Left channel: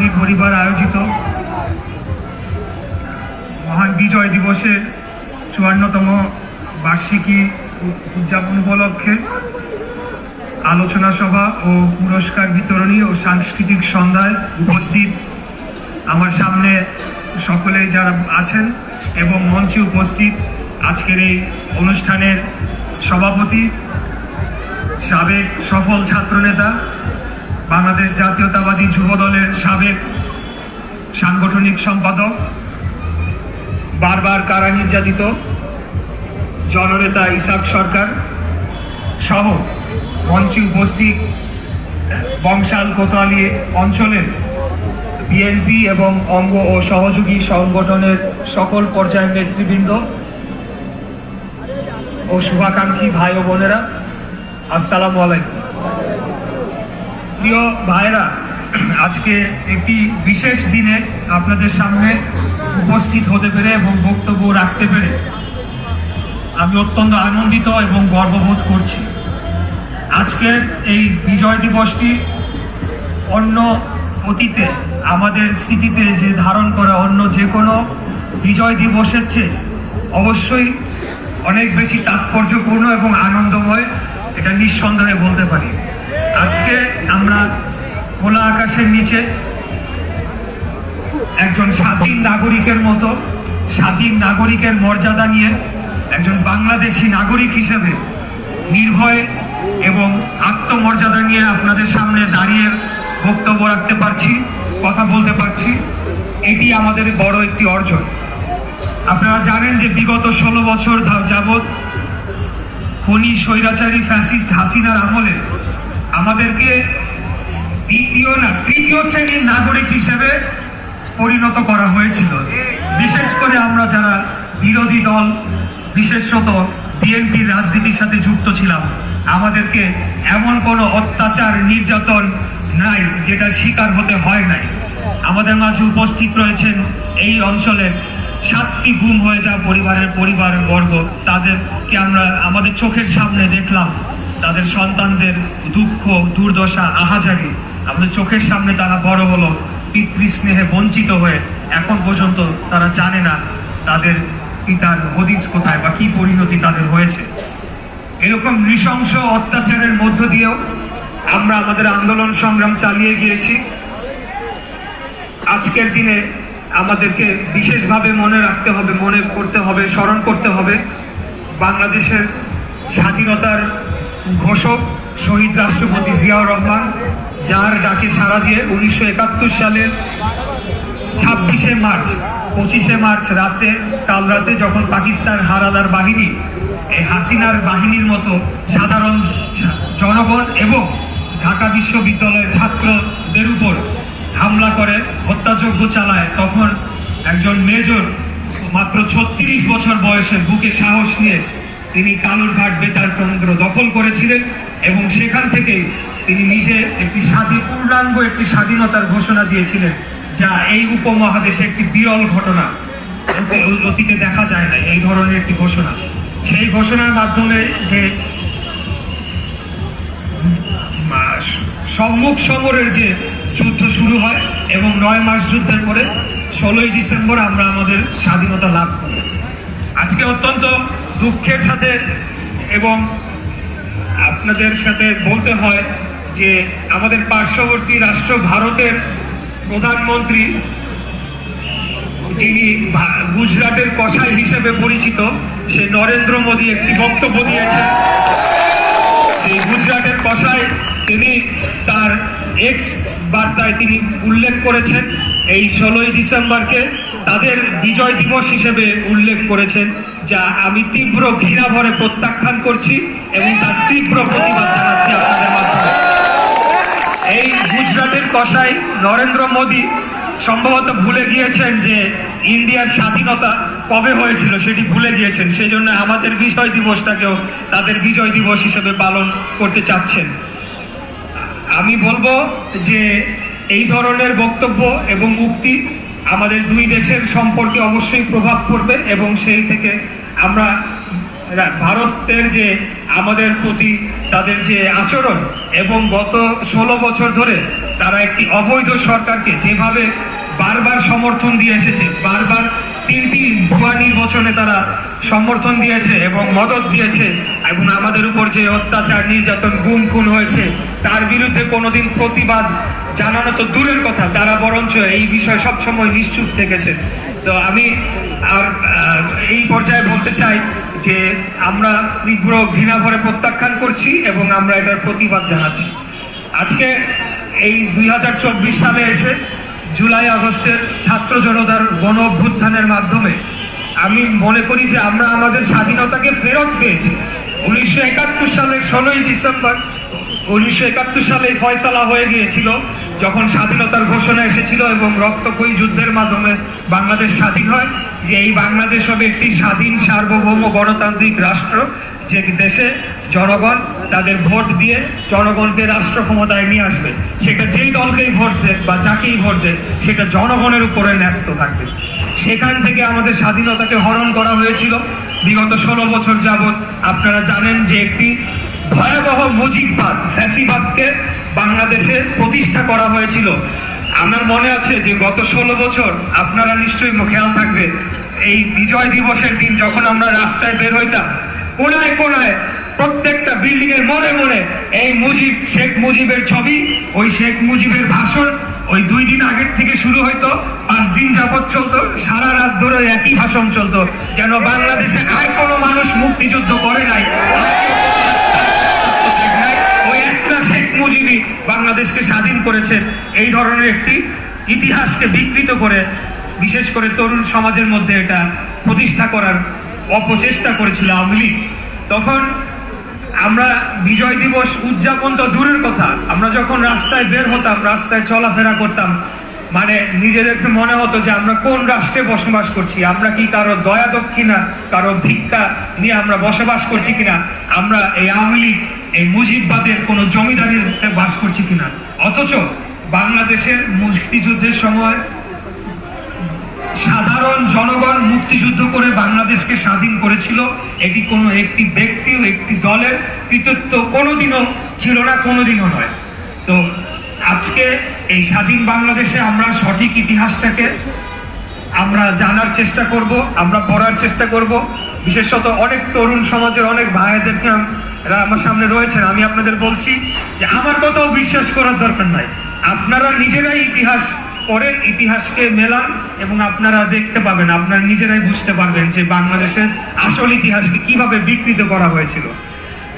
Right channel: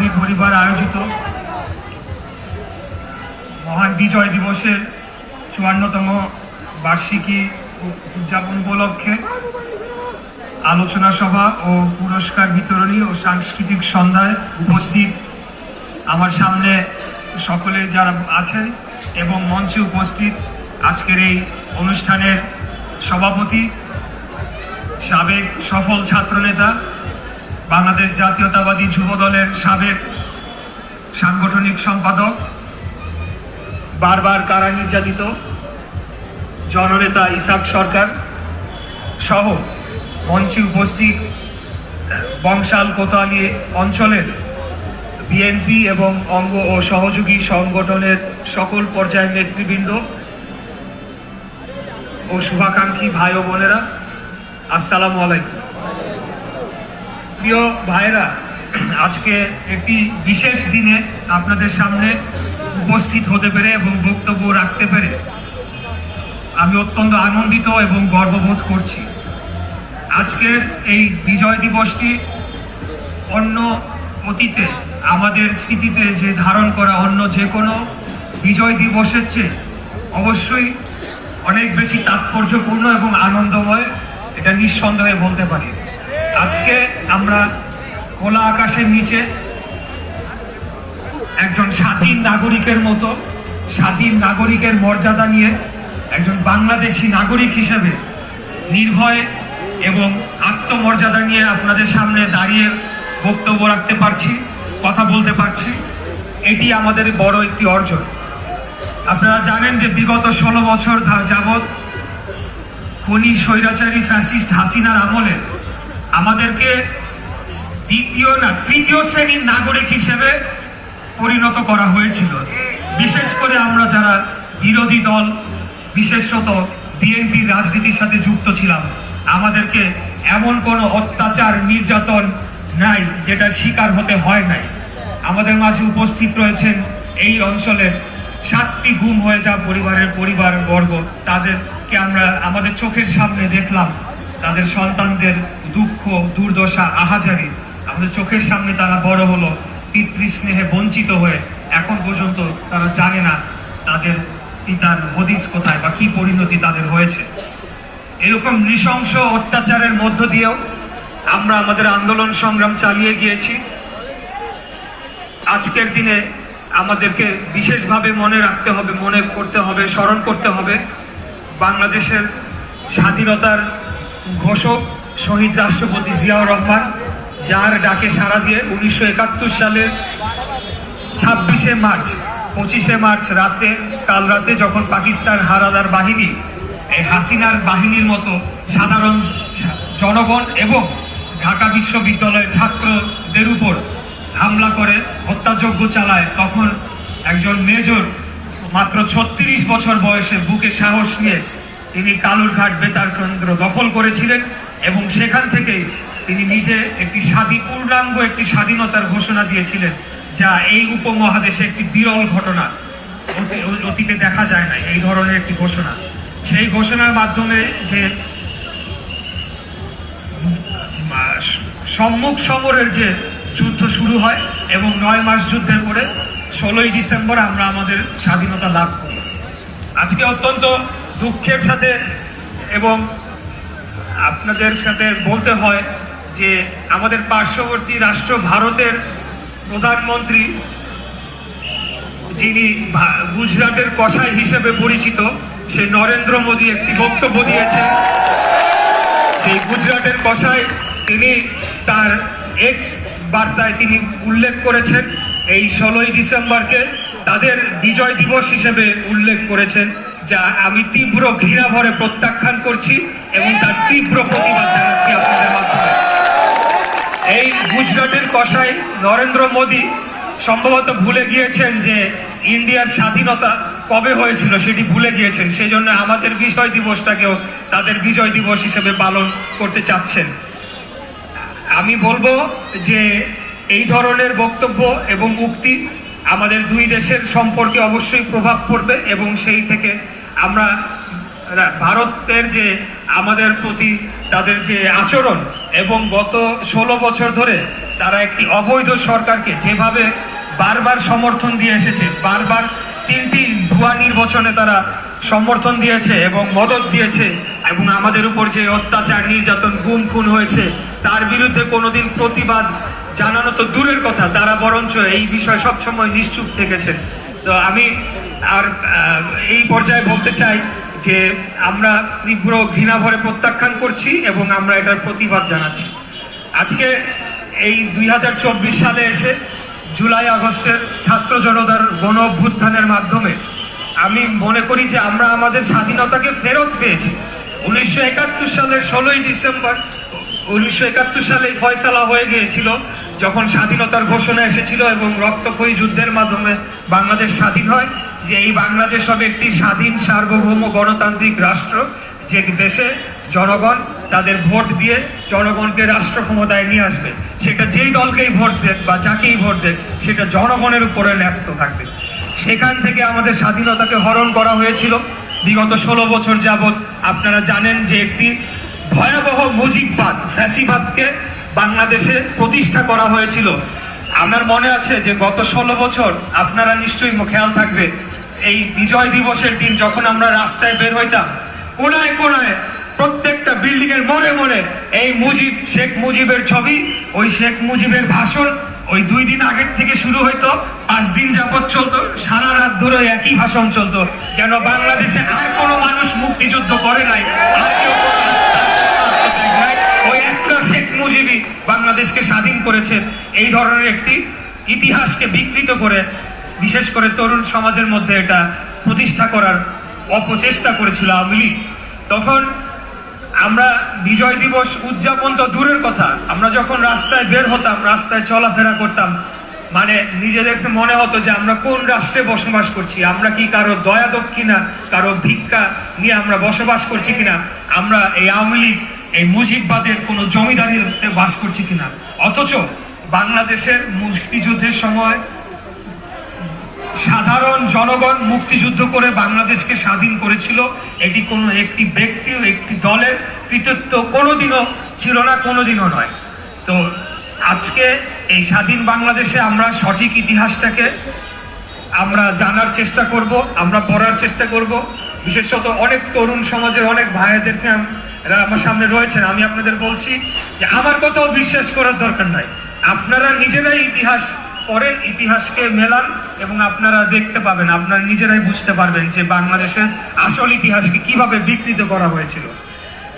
আমাদের পরিবার আয়োজিত। মহান বিজয় দিবসের চুয়ান্নতম বার্ষিকী উদযাপন উপলক্ষে আলোচনা সভা ও পুরস্কার বিতরণী ও সাংস্কৃতিক সন্ধ্যায় উপস্থিত আমার সামনে সকলে যারা আছেন এবং মঞ্চে উপস্থিত আজকের এই অনুষ্ঠানের সভাপতি সাবেক সফল ছাত্রনেতা বাংলাদেশ জাতীয়তাবাদী যুব দলের সাবেক সাংগঠনিক সম্পাদক, বারবার কারা নির্যাতিত, জননেতা ইসাক সরকার সহ মঞ্চে উপস্থিত বংশাল কোতোয়ালি অঞ্চলের বিএনপি এবং অঙ্গ ও সহযোগী সংগঠনের সকল পর্যায়ের নেতৃবৃন্দ ও শুভাকাঙ্ক্ষী ভাই ও বোনেরা, আসসালামু আলাইকুম। প্রিয় ভাইরা আজকে একটি বিশেষ দিনে আপনাদের সামনে উপস্থিত হতে পেরে এবং বক্তব্য রাখতে পেরে আমি অত্যন্ত আনন্দিত এবং গর্ববোধ করছি। আজকের এই বিজয় দিবসটি অন্য অতীতে, আমাদের স্মৃতিতে যে ধারণ করে অন্য যে কোনো বিজয় দিবসের চেয়ে অবশ্যই অনেক বেশি তাৎপর্যপূর্ণ এবং আনন্দময়, এটা নিঃসন্দেহে বলতে পারি। আজকে আমরা খোলা আকাশের নিচে একজন স্বাধীন নাগরিকের মতো, স্বাধীন নাগরিকের মর্যাদা নিয়ে একজন বাংলাদেশি নাগরিক হিসেবে নির্ভয় এবং আত্মমর্যাদা নিয়ে আপনাদের সামনে দাঁড়িয়ে বক্তব্য রাখতে পারছি, কথা বলতে পারছি, এটি আমাদের বড় একটি অর্জন। আপনারা জানেন যে বিগত ষোলো বছর যাবৎ খনি, স্বৈরাচারী, ফ্যাসিস্ট হাসিনার আমলে আমাদেরকে দ্বিতীয় না, তৃতীয় শ্রেণির নাগরিক হিসেবে পরিণত করা হয়েছিল। বিশেষ করে আমরা যারা বিরোধী দল, বিশেষত বিএনপির রাজনীতির সাথে যুক্ত ছিলাম, আমাদেরকে এমন কোনো অত্যাচার, নির্যাতন নাই, যেটা শিকার হতে হয় নাই। আমাদের মাঝে উপস্থিত রয়েছেন এই অঞ্চলের সাতটি গুম হয়ে যাওয়া পরিবারের পরিবার বর্গ তাদেরকে আমরা আমাদের চোখের সামনে দেখলাম। তাদের সন্তানদের দুঃখ, দুর্দশা, আহাজারি। আমাদের চোখের সামনে তারা বড় হলো, পিতৃস্নেহে বঞ্চিত হয়ে এখন পর্যন্ত তারা জানে না তাদের পিতার হদিস কোথায় বা কি পরিণতি তাদের হয়েছে। এরকম নৃশংস অত্যাচারের মধ্য দিয়েও আমরা আমাদের আন্দোলন সংগ্রাম চালিয়ে গিয়েছি। আজকের দিনে আমাদেরকে বিশেষভাবে মনে রাখতে হবে, মনে করতে হবে, স্মরণ করতে হবে। বাংলাদেশের স্বাধীনতার ঘোষক শহীদ রাষ্ট্রপতি জিয়াউর রহমান, যার ডাকে সাড়া দিয়ে উনিশশো একাত্তর সালের ছাব্বিশে মার্চ, পঁচিশে মার্চ রাতে, কাল রাতে যখন পাকিস্তান হারাদার বাহিনী, এই হাসিনার বাহিনীর মতো সাধারণ জনগণ এবং ঢাকা বিশ্ববিদ্যালয়ের ছাত্রদের উপর হামলা করে, হত্যাযজ্ঞ চালায়, তখন একজন মেজর, মাত্র ছত্রিশ বছর বয়সে বুকে সাহস নিয়ে তিনি কালুরঘাট বেতার কেন্দ্র দখল করেছিলেন এবং সেখান থেকে তিনি নিজে একটি স্বাধীন পূর্ণাঙ্গ, একটি স্বাধীনতার ঘোষণা দিয়েছিলেন, যা এই উপমহাদেশে একটি বিরল ঘটনা। অতীতে দেখা যায় না এই ধরনের একটি ঘোষণা। সেই ঘোষণার মাধ্যমে যে সম্মুখ সমরের যে যুদ্ধ শুরু হয় এবং নয় মাস যুদ্ধের পরে ষোলোই ডিসেম্বর আমরা আমাদের স্বাধীনতা লাভ করি। আজকে অত্যন্ত দুঃখের সাথে এবং আপনাদের সাথে বলতে হয় যে আমাদের পার্শ্ববর্তী রাষ্ট্র ভারতের প্রধানমন্ত্রী, যিনি গুজরাটের কসাই হিসেবে পরিচিত, সে নরেন্দ্র মোদী একটি বক্তব্য দিয়েছেন। সেই গুজরাটের কসাই তিনি তার এক্স বার্তায় তিনি উল্লেখ করেছেন, এই ষোলোই ডিসেম্বরকে তাদের বিজয় দিবস হিসেবে উল্লেখ করেছেন, যা আমি তীব্র ঘৃণা ভরে প্রত্যাখ্যান করছি এবং তার তীব্র প্রতিবাদ জানাচ্ছি আপনাদের মাধ্যমে। এই গুজরাটের কসাই নরেন্দ্র মোদী সম্ভবত ভুলে গিয়েছেন যে ইন্ডিয়ার স্বাধীনতা কবে হয়েছিল সেটি ভুলে গিয়েছেন সেই জন্য আমাদের বিজয় দিবসটাকেও তাদের বিজয় দিবস হিসেবে পালন করতে চাচ্ছেন। আমি বলব যে এই ধরনের বক্তব্য এবং উক্তি আমাদের দুই দেশের সম্পর্কে অবশ্যই প্রভাব পড়বে এবং সেই থেকে আমরা ভারতের যে আমাদের প্রতি তাদের যে আচরণ এবং গত ষোলো বছর ধরে তারা একটি অবৈধ সরকারকে যেভাবে বারবার সমর্থন দিয়ে এসেছে, বারবার তিনটি ভুয়া নির্বাচনে তারা সমর্থন দিয়েছে এবং মদত দিয়েছে এবং আমাদের উপর যে অত্যাচার, নির্যাতন, গুম খুন হয়েছে, তার বিরুদ্ধে কোনোদিন প্রতিবাদ জানানো তো দূরের কথা, তারা বরঞ্চ এই বিষয়ে সবসময় নিশ্চুপ থেকেছে তো আমি আর এই পর্যায়ে বলতে চাই যে আমরা তীব্র ঘৃণা ভরে প্রত্যাখ্যান করছি এবং আমরা এটার প্রতিবাদ জানাচ্ছি। আজকে এই দুই হাজার চব্বিশ সালে এসে জুলাই, আগস্টের ছাত্র জনতার গণ অভ্যুত্থানের মাধ্যমে আমি মনে করি যে আমরা আমাদের স্বাধীনতাকে ফেরত পেয়েছি। উনিশশো একাত্তর সালের ষোলোই ডিসেম্বর, উনিশশো একাত্তর সালে ফয়সালা হয়ে গিয়েছিল। যখন স্বাধীনতার ঘোষণা এসেছিল এবং রক্তক্ষয়ী যুদ্ধের মাধ্যমে বাংলাদেশ স্বাধীন হয়, যে এই বাংলাদেশ হবে একটি স্বাধীন, সার্বভৌম, গণতান্ত্রিক রাষ্ট্র, যে দেশে জনগণ তাদের ভোট দিয়ে জনগণকে রাষ্ট্র ক্ষমতায় নিয়ে আসবে। সেটা যেই দলকেই ভোট দেখ বা যাকেই ভোট দেখ সেটা জনগণের উপরে ন্যস্ত থাকবে। সেখান থেকে আমাদের স্বাধীনতাকে হরণ করা হয়েছিল বিগত ষোলো বছর যাবৎ। আপনারা জানেন যে একটি ভয়াবহ মুজিববাদ, ফ্যাসিবাদকে বাংলাদেশে প্রতিষ্ঠা করা হয়েছিল। আমার মনে আছে যে গত ষোলো বছর আপনারা নিশ্চয়ই খেয়াল থাকবে এই বিজয় দিবসের দিন যখন আমরা রাস্তায় বের হইতাম কোনায় কোনায় প্রত্যেকটা বিল্ডিং এর মনে মনে এই মুজিব শেখ মুজিবের ছবি ওই শেখ মুজিবের ভাষণ ওই দুই দিন আগের থেকে শুরু হইতো পাঁচ দিন যাবত চলতো সারা রাত ধরে একই ভাষণ চলতো যেন বাংলাদেশে আর কোনো মানুষ মুক্তিযুদ্ধ করে নাই ওই একটা শেখ মুজিবই বাংলাদেশকে স্বাধীন করেছে। এই ধরনের একটি ইতিহাসকে বিকৃত করে, বিশেষ করে তরুণ সমাজের মধ্যে এটা প্রতিষ্ঠা করার অপচেষ্টা করেছিল আওয়ামী লীগ। তখন আমরা বিজয় দিবস উদযাপন তো দূরের কথা। আমরা যখন রাস্তায় বের হতাম, রাস্তায় চলাফেরা করতাম মানে নিজেদেরকে মনে হতো যে আমরা কোন রাষ্ট্রে বসবাস করছি, আমরা কি কারও দয়া দক্ষিণা কারও ভিক্ষা নিয়ে আমরা বসবাস করছি কিনা, আমরা এই আওয়ামী লীগ এই মুজিববাদের কোনো জমিদারির বাস করছি কিনা? অথচ বাংলাদেশের মুক্তিযুদ্ধের সময় সাধারণ জনগণ মুক্তিযুদ্ধ করে বাংলাদেশকে স্বাধীন করেছিল। এটি কোনো একটি ব্যক্তি, একটি দলের কৃতিত্ব কোনোদিনও ছিল না, কোনোদিনও নয়। তো আজকে এই স্বাধীন বাংলাদেশে আমরা সঠিক ইতিহাসটাকে আমরা জানার চেষ্টা করব, আমরা পড়ার চেষ্টা করব। বিশেষত অনেক তরুণ সমাজের অনেক ভাইদেরকে আমরা আমার সামনে রয়েছেন। আমি আপনাদের বলছি যে আমার কথাও বিশ্বাস করার দরকার নাই। আপনারা নিজেরাই ইতিহাস পড়েন, ইতিহাসকে মেলান এবং আপনারা দেখতে পাবেন, আপনারা নিজেরাই বুঝতে পারবেন যে বাংলাদেশের আসল ইতিহাসকে কীভাবে বিকৃত করা হয়েছিল।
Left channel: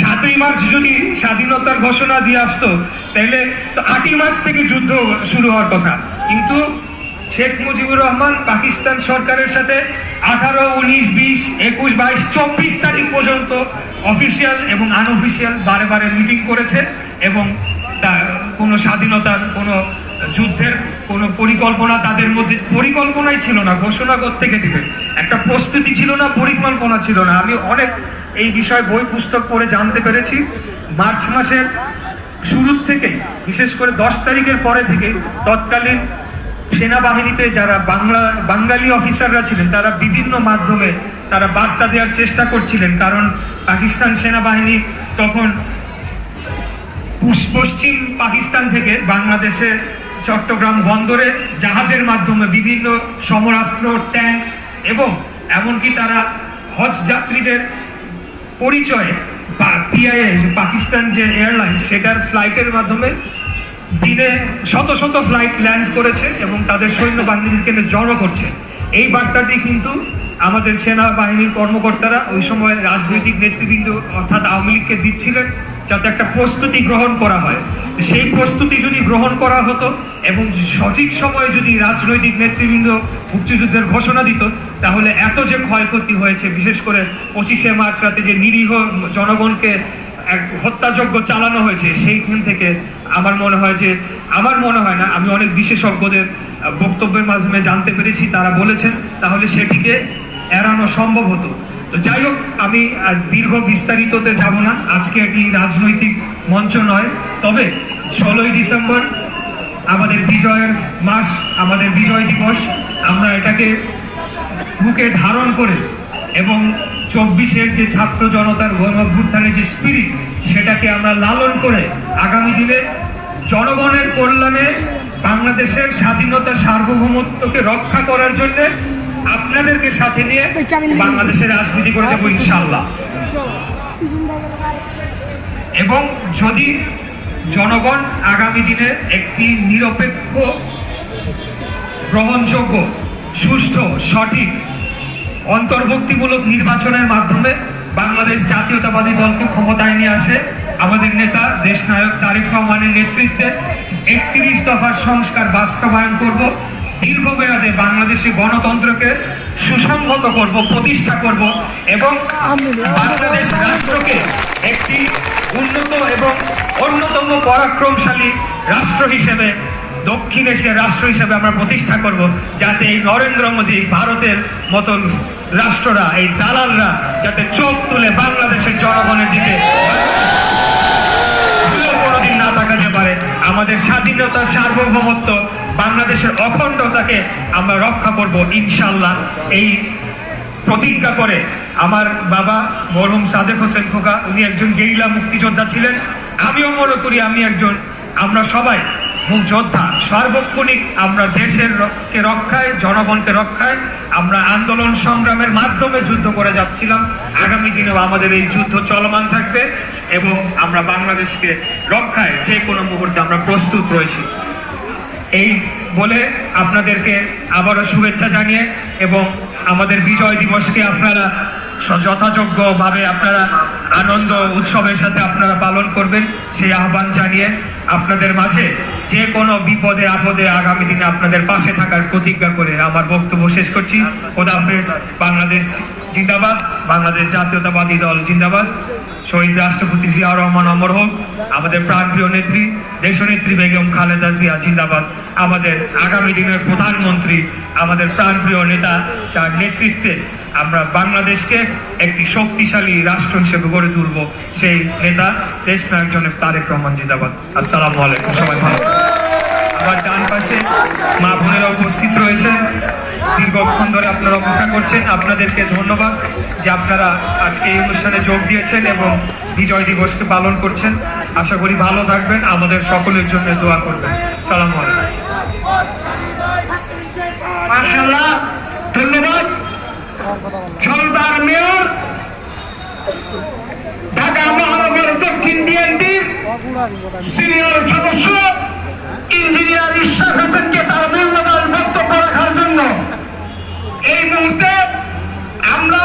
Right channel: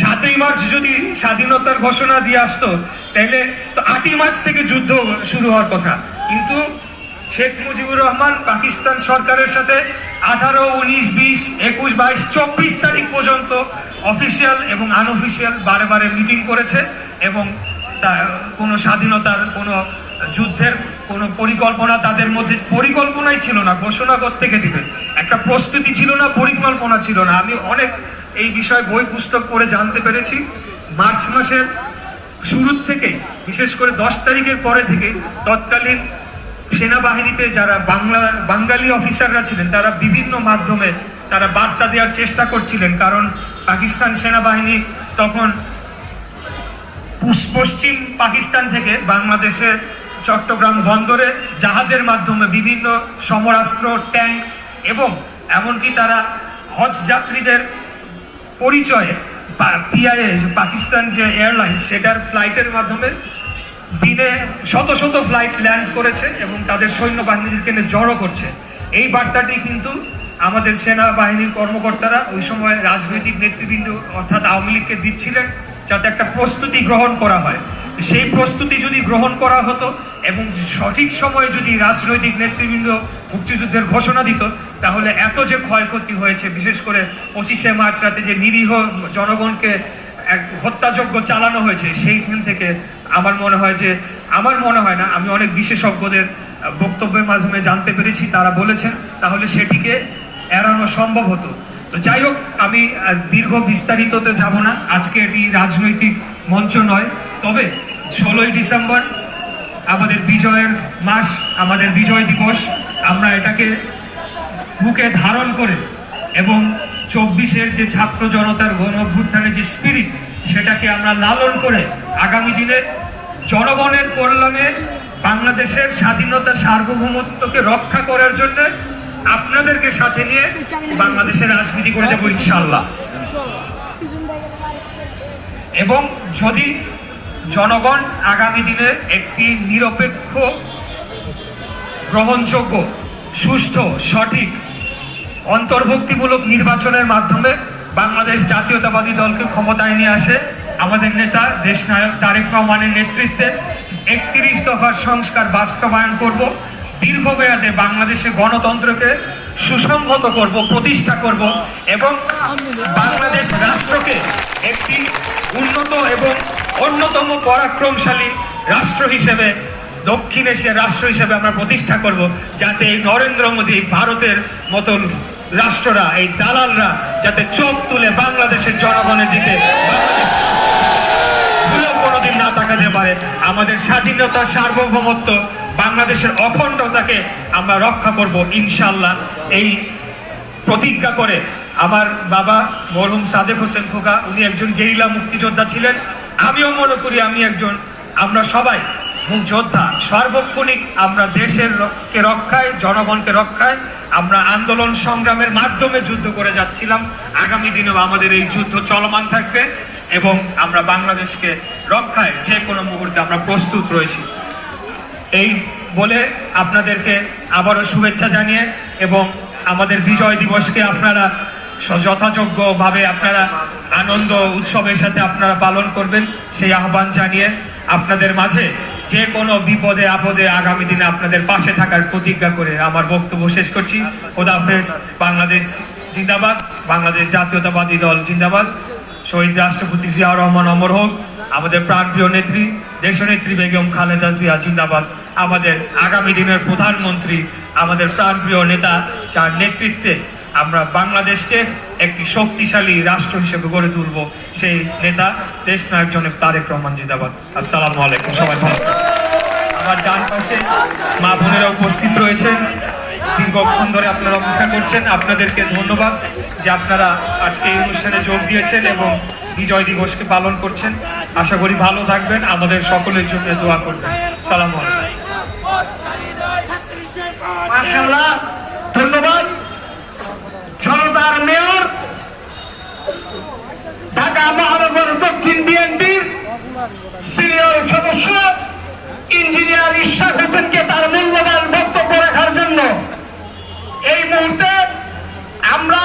সাতই মার্চ যদি স্বাধীনতার ঘোষণা দিয়ে আসতো, তাহলে তো আটই মার্চ থেকে যুদ্ধ শুরু হওয়ার কথা। কিন্তু শেখ মুজিবুর রহমান পাকিস্তান সরকারের সাথে আঠারো, উনিশ, বিশ, একুশ, বাইশ, চব্বিশ তারিখ পর্যন্ত অফিসিয়াল এবং আনঅফিসিয়াল বারে বারে মিটিং করেছে এবং তা- কোনো স্বাধীনতার, কোনো যুদ্ধের, কোনো পরিকল্পনা তাদের মধ্যে পরিকল্পনাই ছিল না, ঘোষণা থেকে দিবে। একটা প্রস্তুতি ছিল না, পরিকল্পনা ছিল না। আমি অনেক এই বিষয়ে বই পুস্তক পড়ে জানতে পেরেছি। মার্চ মাসের শুরুর থেকেই, বিশেষ করে দশ তারিখের পরে থেকে তৎকালীন সেনাবাহিনীতে যারা বাংলা, বাঙালি অফিসাররা ছিলেন, তারা বিভিন্ন মাধ্যমে তারা বার্তা দেওয়ার চেষ্টা করছিলেন, কারণ পাকিস্তান সেনাবাহিনী তখন পশ্চিম পাকিস্তান থেকে বাংলাদেশে চট্টগ্রাম বন্দরে জাহাজের মাধ্যমে বিভিন্ন সমরাস্ত্র, ট্যাঙ্ক এবং এমনকি তারা হজ যাত্রীদের পরিচয়ে পিআইএ পাকিস্তান যে এয়ারলাইন্স, সেটার ফ্লাইটের মাধ্যমে দিনে শত শত ফ্লাইট ল্যান্ড করেছে এবং তাদের সৈন্যবাহিনীকে জড়ো করছে। এই বার্তাটি কিন্তু আমাদের সেনাবাহিনীর কর্মকর্তারা ওই সময় রাজনৈতিক নেতৃবৃন্দ অর্থাৎ আওয়ামী লীগকে দিচ্ছিলেন যাতে একটা প্রস্তুতি গ্রহণ করা হয়। সেই প্রস্তুতি যদি গ্রহণ করা হতো এবং সঠিক সময়ে যদি রাজনৈতিক নেতৃবৃন্দ মুক্তিযুদ্ধের ঘোষণা দিত, তাহলে এত যে ক্ষয়ক্ষতি হয়েছে, বিশেষ করে পঁচিশে মার্চ রাতে যে নিরীহ জনগণকে এক হত্যাযজ্ঞ চালানো হয়েছে, সেইখান থেকে আমার মনে হয় যে, আমার মনে হয় না, আমি অনেক বিশেষজ্ঞদের বক্তব্যের মাধ্যমে জানতে পেরেছি, তারা বলেছেন, তাহলে সেটিকে এড়ানো সম্ভব হতো। তো যাই হোক, আমি দীর্ঘ বিস্তারিততে যাব না, আজকে এটি রাজনৈতিক মঞ্চ নয়, তবে ষোলোই ডিসেম্বর আমাদের বিজয়ের মাস, আমাদের বিজয় দিবস, আমরা এটাকে বুকে ধারণ করে এবং চব্বিশের যে ছাত্র জনতার গণ অভ্যুত্থানের যে স্পিরিট সেটাকে আমরা লালন করে আগামী দিনে জনগণের কল্যাণে বাংলাদেশের স্বাধীনতা সার্বভৌমত্বকে রক্ষা করার জন্য আপনাদেরকে সাথে নিয়ে বাংলাদেশের রাজনীতি করে যাব ইনশাল্লাহ এবং যদি জনগণ আগামী দিনে একটি নিরপেক্ষ, গ্রহণযোগ্য, সুষ্ঠু, সঠিক অন্তর্ভুক্তিমূলক নির্বাচনের মাধ্যমে বাংলাদেশ জাতীয়তাবাদী দলকে ক্ষমতায় নিয়ে আসে। আমাদের নেতা, দেশনায়ক তারেক রহমানের নেতৃত্বে একত্রিশ দফার সংস্কার বাস্তবায়ন করব। দীর্ঘমেয়াদে বাংলাদেশের গণতন্ত্রকে সুসংহত করব, প্রতিষ্ঠা করব এবং বাংলাদেশ রাষ্ট্রকে একটি উন্নত এবং অন্যতম পরাক্রমশালী রাষ্ট্র হিসেবে দক্ষিণ এশিয়ার রাষ্ট্র হিসেবে আমরা প্রতিষ্ঠা করব যাতে এই নরেন্দ্র মোদী ভারতের মতন রাষ্ট্ররা, এই দালালরা যাতে চোখ তুলে বাংলাদেশের জনগণের দিকে কোনোদিন না তাকাতে পারে। আমাদের স্বাধীনতা, সার্বভৌমত্ব, বাংলাদেশের অখণ্ডতাকে আমরা রক্ষা করব ইনশাল্লাহ এই প্রতিজ্ঞা করে আমার বাবা মরহুম সাদেক হোসেন খোকা, উনি একজন গেরিলা মুক্তিযোদ্ধা ছিলেন। আমিও মনে করি আমি একজন, আমরা সবাই যোদ্ধা, সার্বক্ষণিক আমরা দেশের কে রক্ষায়, জনগণকে রক্ষায় আমরা আন্দোলন সংগ্রামের মাধ্যমে যুদ্ধ করে যাচ্ছিলাম। আগামী দিনেও আমাদের এই যুদ্ধ চলমান থাকবে এবং আমরা বাংলাদেশকে রক্ষায় যে কোনো মুহূর্তে আমরা প্রস্তুত রয়েছি। এই বলে আপনাদেরকে আবারও শুভেচ্ছা জানিয়ে এবং আমাদের বিজয় দিবসকে আপনারা যথাযোগ্যভাবে আপনারা আনন্দ উৎসবের সাথে আপনারা পালন করবেন, সেই আহ্বান জানিয়ে আপনাদের মাঝে যে কোনো বিপদে, আপদে আগামী দিনে আপনাদের পাশে থাকার প্রতিজ্ঞা করে আমার বক্তব্য শেষ করছি। খোদাফেজ বাংলাদেশ জিন্দাবাদ, বাংলাদেশ জাতীয়তাবাদী দল জিন্দাবাদ। শহীদ রাষ্ট্রপতি জিয়াউর রহমান অমর হোক, আমাদের প্রাণপ্রিয় নেত্রী, দেশনেত্রী বেগম খালেদা জিয়া জিন্দাবাদ। আমাদের আগামী দিনের প্রধানমন্ত্রী, আমাদের প্রাণপ্রিয় নেতা, যার নেতৃত্বে আমরা বাংলাদেশকে একটি শক্তিশালী রাষ্ট্র হিসেবে গড়ে তুলব। সেই নেতা দেশ নায়ক জনক তারেক রহমান জিন্দাবাদ। আসসালামু আলাইকুম সবাই ভালো আমার ডান পাশে মা বোনেরা উপস্থিত রয়েছেন দীর্ঘক্ষণ ধরে আপনারা অপেক্ষা করছেন। আপনাদেরকে ধন্যবাদ যে আপনারা আজকে এই অনুষ্ঠানে যোগ দিয়েছেন এবং বিজয় দিবসকে পালন করছেন। আশা করি ভালো থাকবেন। আমাদের সকলের জন্য দোয়া করবেন। সালাম আলাইকুম। ধন্যবাদ। সিনিয়র সদস্য ইঞ্জিনিয়ার ইশাক হোসেনকে তার মূল্যবান বক্তব্য রাখার জন্য এই মুহূর্তে আমরা